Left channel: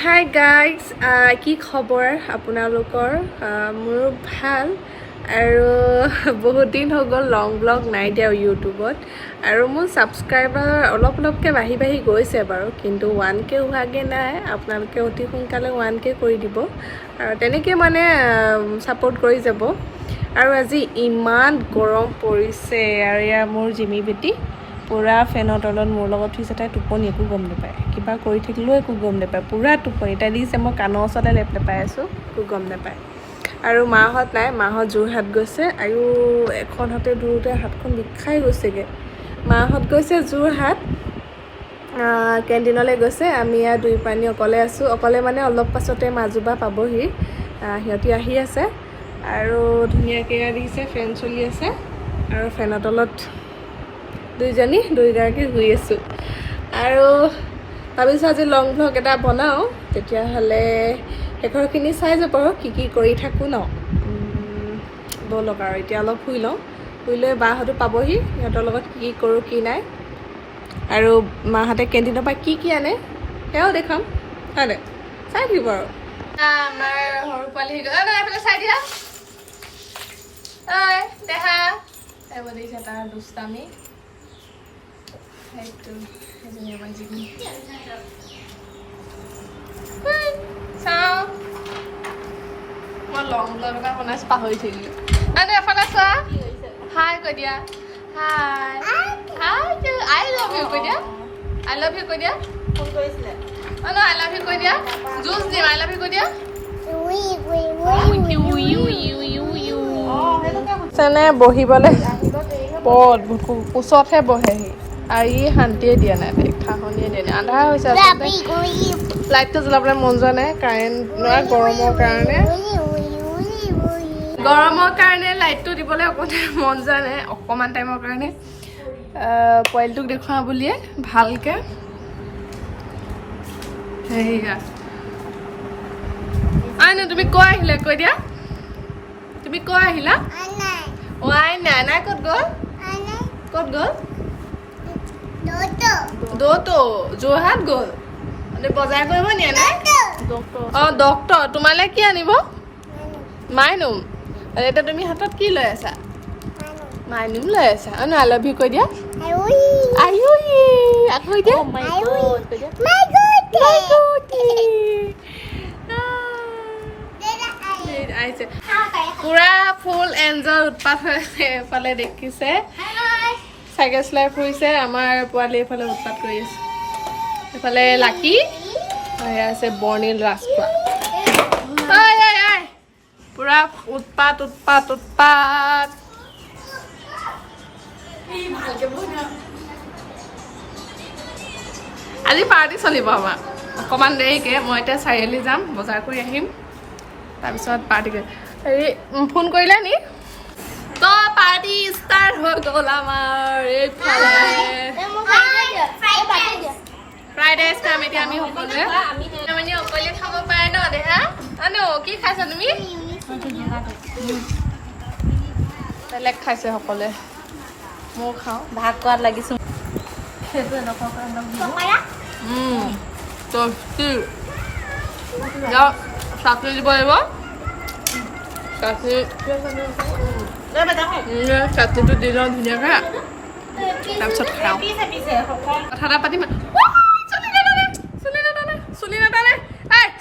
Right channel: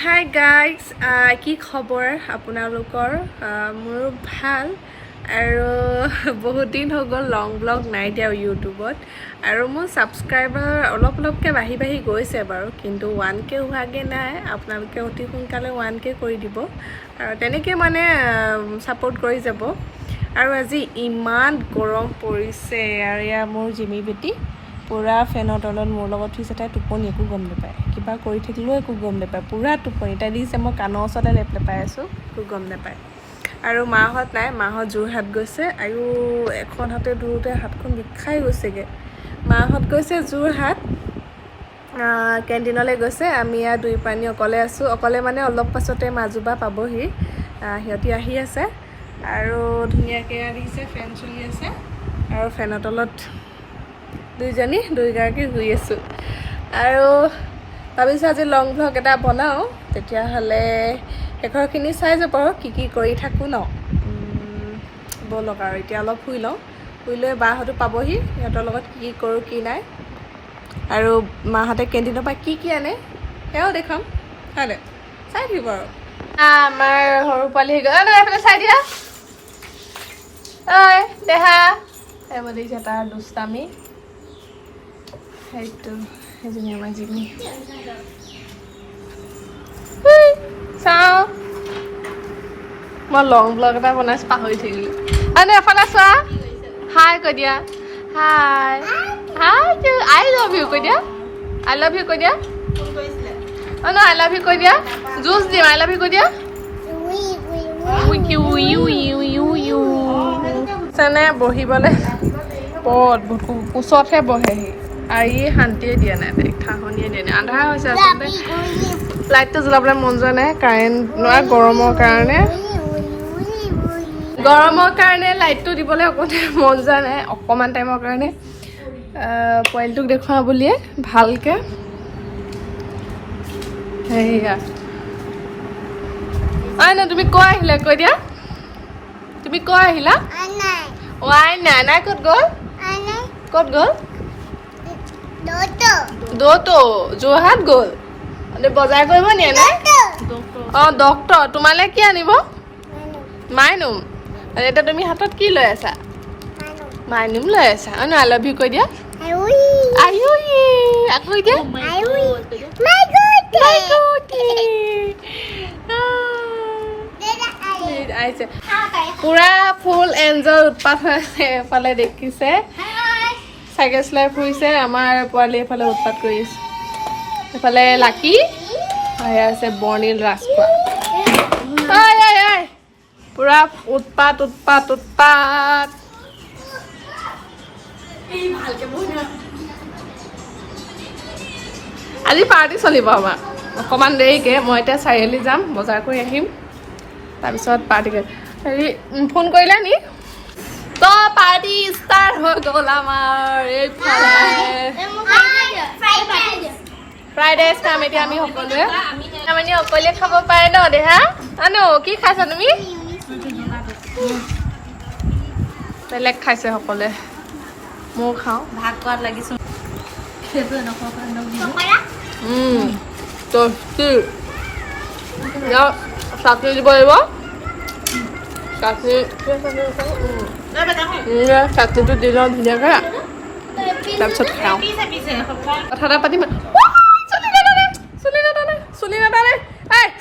Hi guys, কি খবৰ আপোনালোকৰ? মোৰ ভাল আৰু বহুত দিন হৈ গ'ল লং ব্লগ নাই দিয়া ইউটিউবত আৰু মোৰ ছাবস্ক্ৰাইবাৰ অলপকৈ বাঢ়ি গৈছে বাৰু, কিন্তু 1K হোৱাগৈ নাই। আপোনালোকে অতি সোনকালে 1K কৰি দিব আৰু তেনেকৈ মানে ছাপোৰ্ট কৰি যাব। আৰু আজি ইমান গৰম পৰিছে আৰু এয়া মোৰ জিমি বেটি পূৰা ফেনৰ তলত মোৰ লগত উঠিছে। তাই টোপনি একো গম নাপায়, কিবা কৰি থাকিলেও একো গম নাপায়, পূৰা টোপনি তাই দিছে। মই কাণৰ ওচৰতে লেপাই আছোঁ, একো গম নাপায়। আৰু মাহঁত নাই, মাহঁত যোৰহাট গৈছে আৰু এখন হাতে ধৰোঁতে হাতখন বিষাই গৈছেগৈ। মাহঁত গৈছে যোৰহাট, কেণ্টিনলৈ গৈছে। আমি ইয়াত দুই পানী অকলে আছোঁ। অকলে মানে অলপ পাছতে মাজুবা পাবহি, সিহঁতি আহি আছে আৰু ধুনীয়াকৈ দেখিছে ফেন চলি আছে আৰু ফেনৰ তলত দুইগৰাকী শুই আছোঁ। আৰু ভাবিছোঁ আজি লং ভ্লগ এটা বনাওঁ, তেতিয়াহ'লে শেষৰখিনি চাই যাব আৰু কি কৰি থাকোঁ ন। ব'লক আৰু এতিয়া অলপ শুই লওঁ, শুই লৈ বাহঁতো পাবহি, সিহঁতৰ লগত কি কৰোঁ কি নাই আৰু মাহঁতে কেণ্টিনৰ পৰা কি আনে সেয়াও দেখাম, হয় নাই? চাই দিব আৰু। আমাৰ সৰু পোৱালি এইফালে চাই দিয়া। ঐ দেহা এইবোৰ দেখিছে তাৰ দুষ্টামি। সেইটো সেইজনী আমাৰ জিমি। চাওঁ মই লং ব্লগ এটা বনাইছোঁ, পাহৰি থাকিলোঁ। এফালে চোৱা, হাই কৈ দিয়া। হাই আই লাভ ইউ কৈ দিয়া। আই লাভ ইউ কৈ দিয়া। ন আই লাভ ইউ কৈ দিয়া। জুচ দিম, আই লাভ ইউ কৈ দিয়া। বহিবলৈ পদ কোচতহে বহেহি আৰু ই শান্তিয়ে দিয়া নাই, তাইক খাহনিয়ে দিয়া নাই। আন্ধাৰ হৈছে আচলতে, লাইটটো জ্বলাবলৈ মন যোৱা নাই, কাৰেণ্ট নোৱাৰ গৰমৰ কাৰণে লাইটটো দিবলৈ অকণমান মন যোৱা নাই, অকণমান টাইমৰ কাৰণে। পোৱালিটোক দেখুৱাওঁ বুলিয়ে ভালকৈ সেয়া। নাই তুমি কৈ আহিলা, কৈ দিয়া। তুমি কৈ আহিলা? নাই ক'ত গ'ল? ক'ত গ'ল? দৌতো যোৰহাট গ'ল, বজাৰ কৰিব নিয়ে নে? ডক্তৰ তোমালে কি আনিব? মাইনুম। এতিয়া তুমি হাতত কি লৈ আছা? মাইনুম লৈ আছা। আই লাভ ইউ কৈ দিয়া। আকৌ দিয়া। পুৰা ফুল এনজয় উৎপাত হৈ আছে। এফালে দেখিছে চাইকেল চলাই ফুৰিছে, আমাৰ পোৱালি এফালে উৎপাত কৰি আছে। এফালে লাকি আছে বৰ্ণিল ৰাজখোৱা, পুৰা উৎপাত। আজি পাৰ্টি চলিব আমাৰ অকণমান দেৰিকৈ। মই এতিয়া চাৰিআলি যাম, বজাৰ কৰি আহিম, তাৰপিছত পাৰ্টি কৰিম। হেৰি ফোন কৰিলে নি? তো পাৰ্টি ষ্টাৰ্ট হৈ গ'ল আমাৰ। ফ্ৰাইড ৰাইচ খাম এতিয়া আমি সকলোৱে। মানে অকলে খাব পাৰে ন দেহা? আনো কি খাইছা তুমি? বেলেগ খাইছে সকলোৱে, ময়ো খাওঁ। ভাত খোৱাত লাগিছোঁ। চাটনি দিব লাগিব, চাটনিটো দি লওঁ ধুনীয়াকৈ, তাৰপিছত খাওঁ। কথা এটা পাতিম।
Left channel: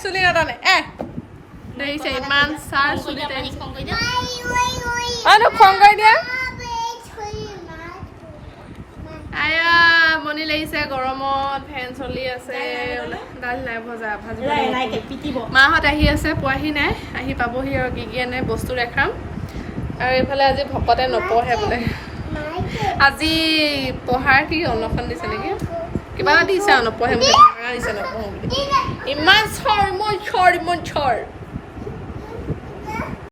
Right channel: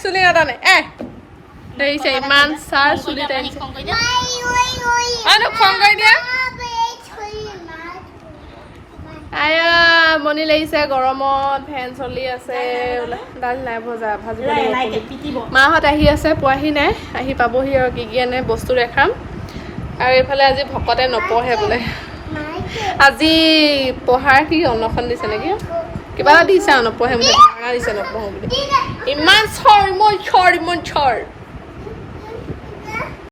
চুলি নাটানে দেখিছে ইমান চাৰ চুলি টানিছে। খং কৰি দিয়া। মনি লাগিছে গৰমত, ফেন চলি আছে, দালি নাই ভজা, ভাজিব লাগিব। মাহঁত আহি আছে, পোৱাহি নাই, আহি পাবহি আৰু কি আনে বস্তু দেখাম। আৰু এইফালে আজি ভকতে নপঢ়ে বোলে, আজি পঢ়াৰ কি অনশন দিছে নেকি, কিবা এটা দিছে আৰু নপঢ়ে বুলি। ইমান চৰ